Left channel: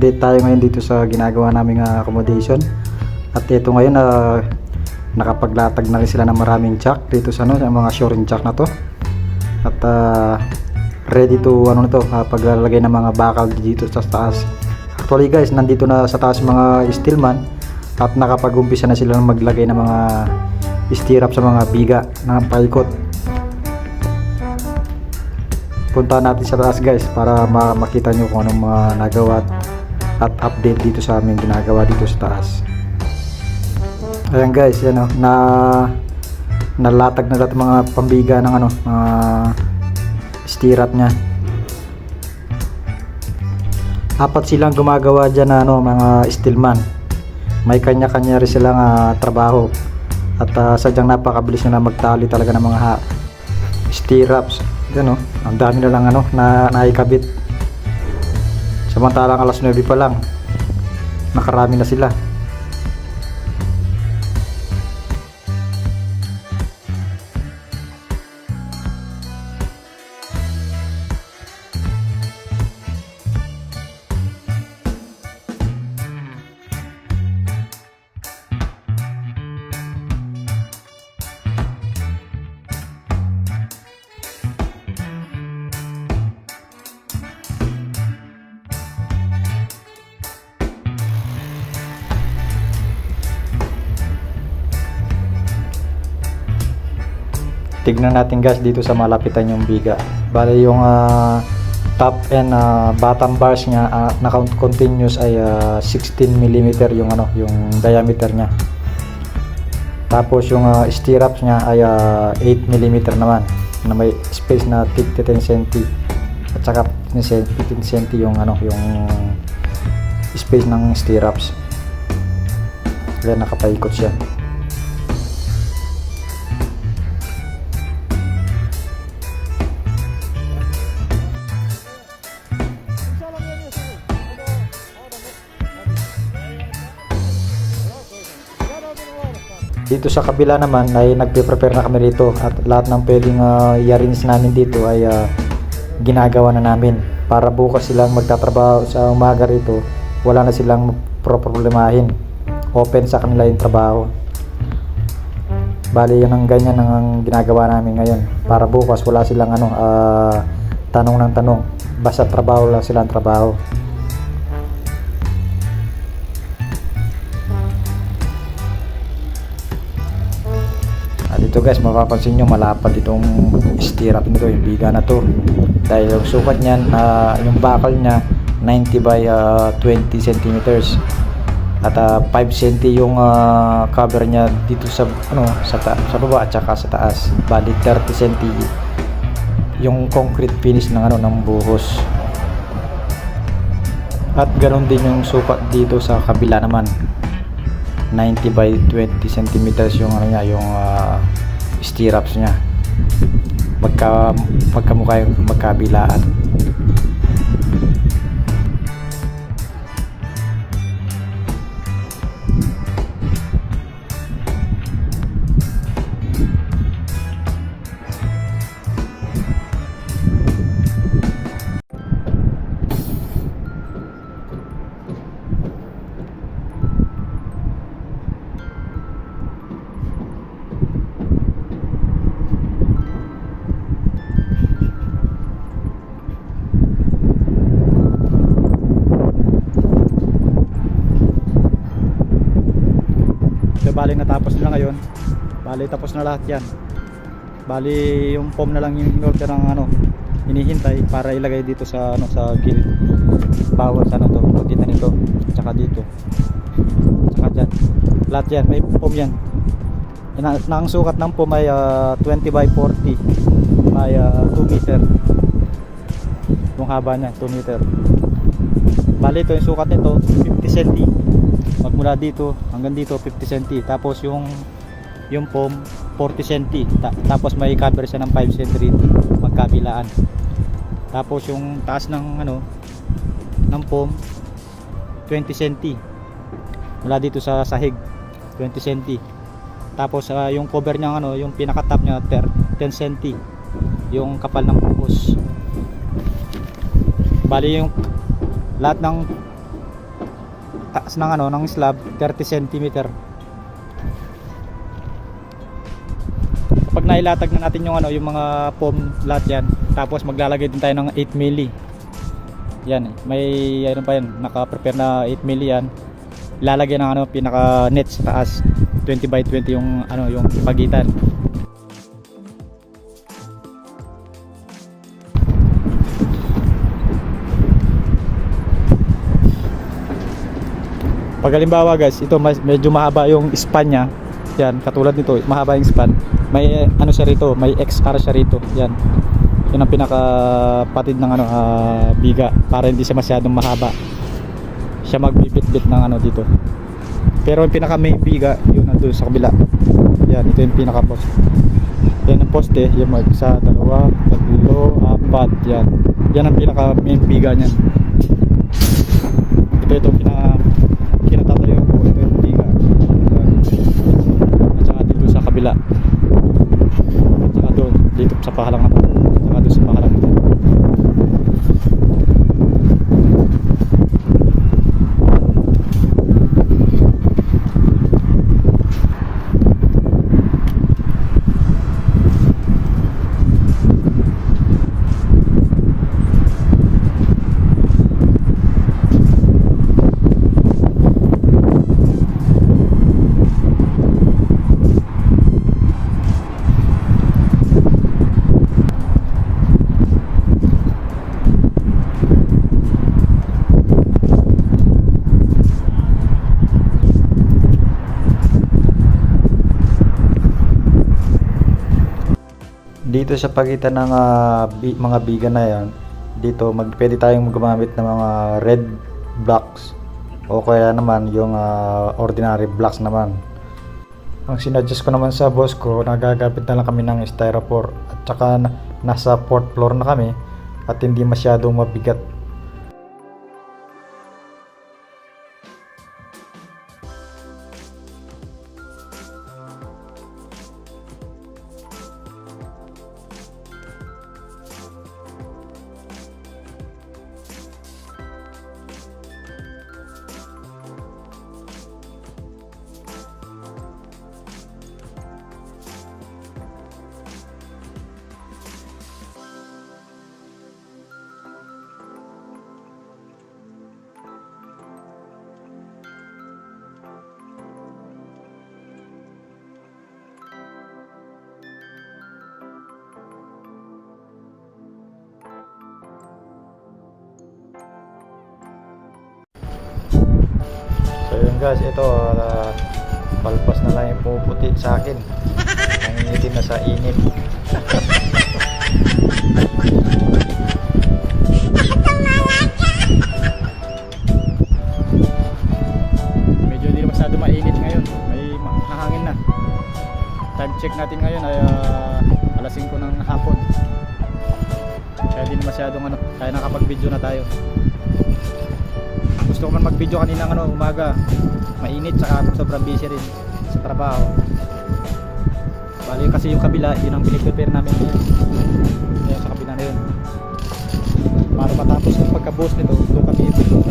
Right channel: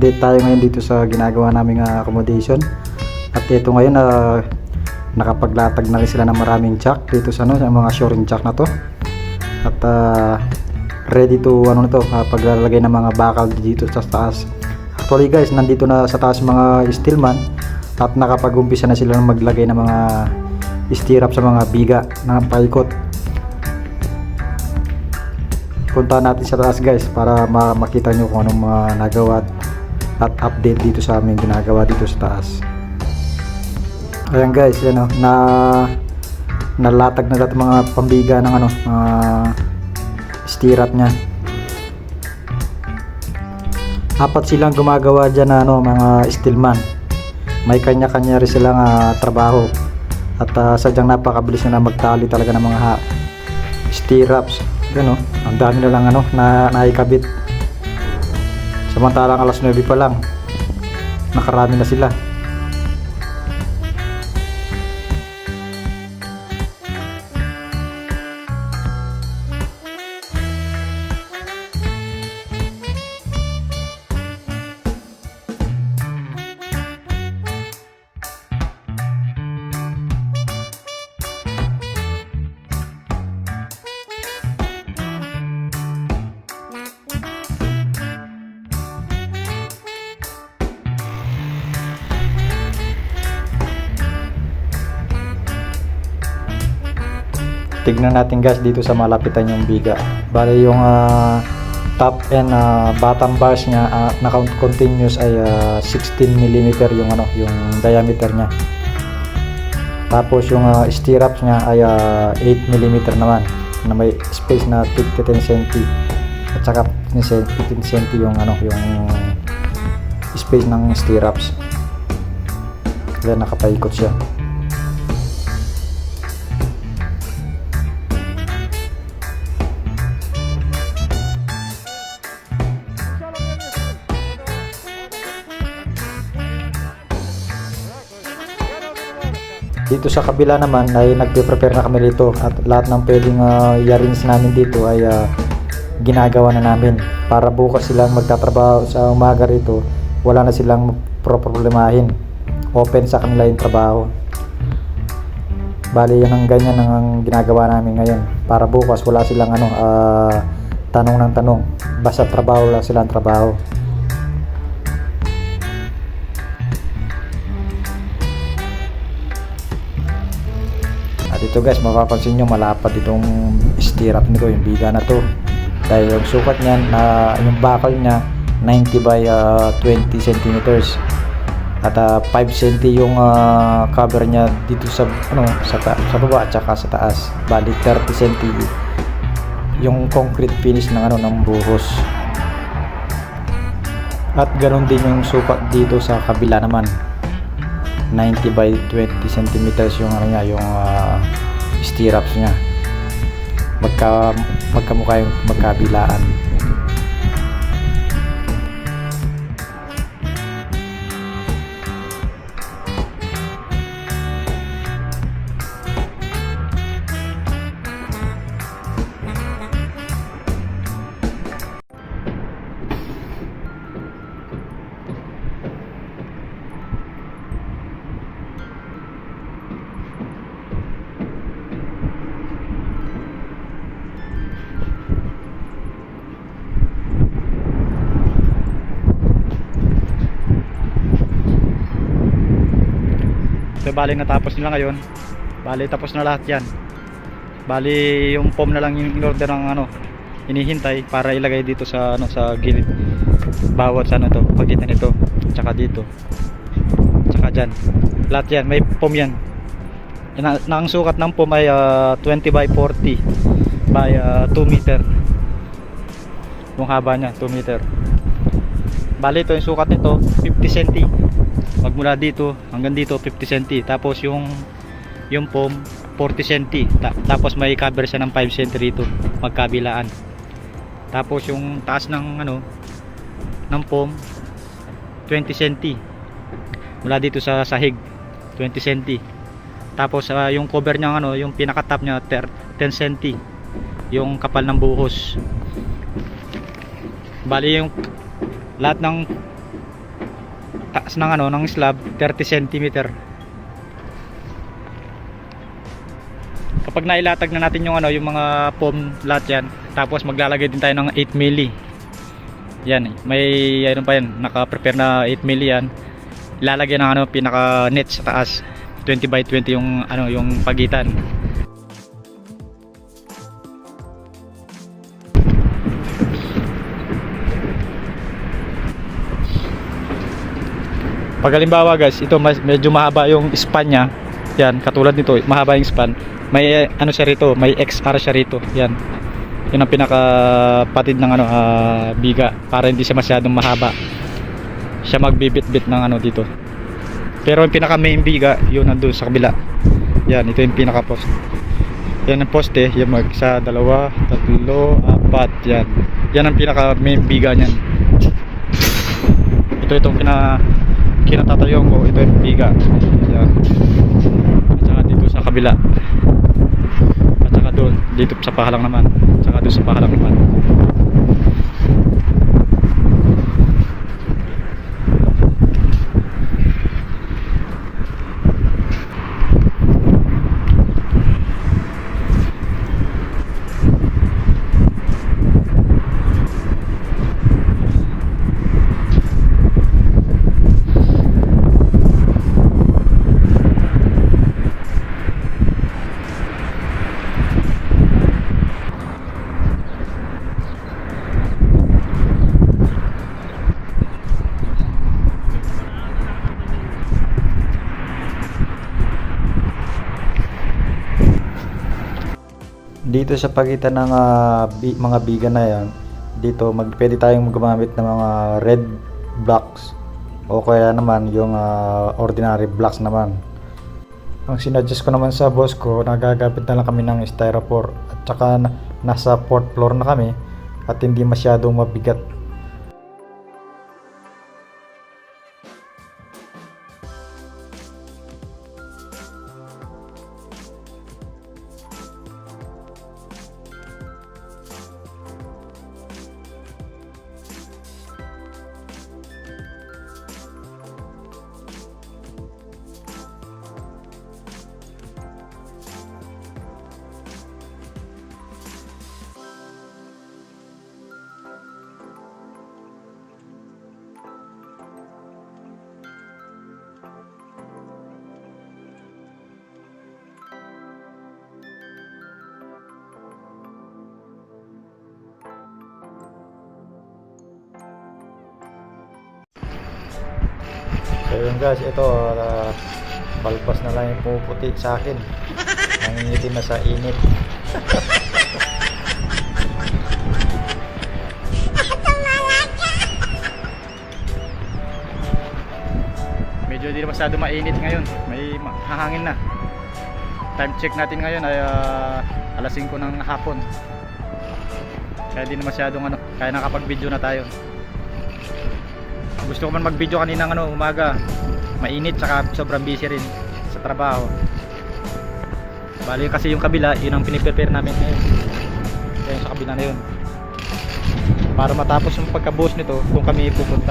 update tayo ngayon dito sa ginagawa naming accommodation. At ito ngayon nakapaglatag na rin sila ng maraming jack dito sa sa mga shoring jack na to. At ready to paglalagay ng mga bakal dito sa taas. Actually guys, nandito na sa taas mga steelman at nakapag-umpisa na sila ng maglagay ng mga stirrup sa mga biga na paikot. Punta natin sa taas guys para makita nyo kung anong mga nagawa at update dito sa aming ginagawa dito sa taas. Ayan guys, yan nalatag na lahat mga pambiga ng mga stirrup nya. Apat silang gumagawa dyan na mga steelman. May kanya-kanya rin silang trabaho at sadyang napakabilis na magtali talaga ng mga stirrups. Ang dami na lang na naikabit. Samantalang alas 9 pa lang, nakarami na sila. Tignan natin guys dito sa malapitan yung biga. Bale yung top and bottom bars nya na continuous ay 16 mm yung yung diameter nya. Tapos yung stirrups nya ay 8 mm naman na may space na 10 cm at saka 15 cm yung yung space ng stirrups. Kaya nakapaikot siya. Dito sa kabila naman ay nagpe-prepare na kami dito at lahat ng pwedeng i-arrange namin dito ay ginagawa na namin para bukas silang magtatrabaho sa umaga rito, wala na silang problemahin, open sa kanila yung trabaho. Bali yan ang ganyan ang ginagawa namin ngayon para bukas wala silang tanong ng tanong, basta trabaho lang silang trabaho. Dito guys, mapapansin nyo malapad itong stirrup nito, yung biga na to, dahil yung sukat niyan, yung bakal nya 90 by 20 cm at 5 cm yung cover nya dito sa sa baba at saka sa taas. Bali 30 cm yung concrete finish ng ng buhos, at ganoon din yung sukat dito sa kabila naman, 90 by 20 cm yung yung stirrups nya, magkamukha yung magkabilaan. So bali natapos nila ngayon. Bali tapos na lahat yan. Bali yung foam na lang yung in-order ng hinihintay para ilagay dito sa sa gilid. Bawat sa to, pagitan nito, tsaka dito. Tsaka diyan. Lahat yan, may foam yan. Ang sukat ng foam ay 20 by 40 by 2 meter. Yung haba niya 2 meter. Bali ito yung sukat nito 50 cm. Magmula dito hanggang dito 50 cm, tapos yung foam 40 cm, tapos may cover siya ng 5 cm rito magkabilaan. Tapos yung taas ng ng foam 20 cm mula dito sa sahig, 20 cm. Tapos yung cover niya yung pinaka top niya 10 cm yung kapal ng buhos. Bali yung lahat ng taas ng ano ng slab 30 cm. Kapag nailatag na natin yung ano yung mga foam lahat yan, tapos maglalagay din tayo ng 8 milli. Yan, may ano pa yan, naka-prepare na 8 milli yan. Lalagyan ng ano pinaka net sa taas. 20 by 20 yung ano yung pagitan. Pag halimbawa guys, ito medyo mahaba yung span nya. Yan, katulad nito, mahaba yung span. May ano siya rito, may XR siya rito. Yan. Yun ang pinakapatid ng ano biga para hindi siya masyadong mahaba. Siya magbibit-bit ng ano dito. Pero yung pinaka main biga, yun nandoon sa kabila. Yan, ito yung pinaka post. Yan ang poste, yung isa, dalawa, tatlo, apat, yan. Yan ang pinaka main biga niyan. Itong kinatatayong ko, ito yung biga. Yan. At saka dito sa kabila. At saka doon, dito sa pahalang naman. At saka doon sa pahalang naman. Dito sa pagitan ng mga biga na yan, dito pwede tayong gumamit ng mga red blocks o kaya naman yung ordinary blocks naman. Ang sinadjust ko naman sa boss ko, nagagamit na lang kami ng styrofoam at saka nasa 4th floor na kami at hindi masyadong mabigat. So yun guys, ito palpas na lang yung pumuputi sa akin. Nangingitim na sa init. Medyo di na masyado mainit ngayon. May hahangin na. Time check natin ngayon ay alas 5 ng hapon. Kaya di na masyadong ano, kaya nakapag-video na tayo. Gusto ko man mag-video kaninang umaga. Mainit saka sobrang busy rin sa trabaho. Bali kasi yung kabila, yun ang piniprepare namin ngayon. Kaya sa kabila na yun. Para matapos yung pagkabuhos nito, doon kami pupunta.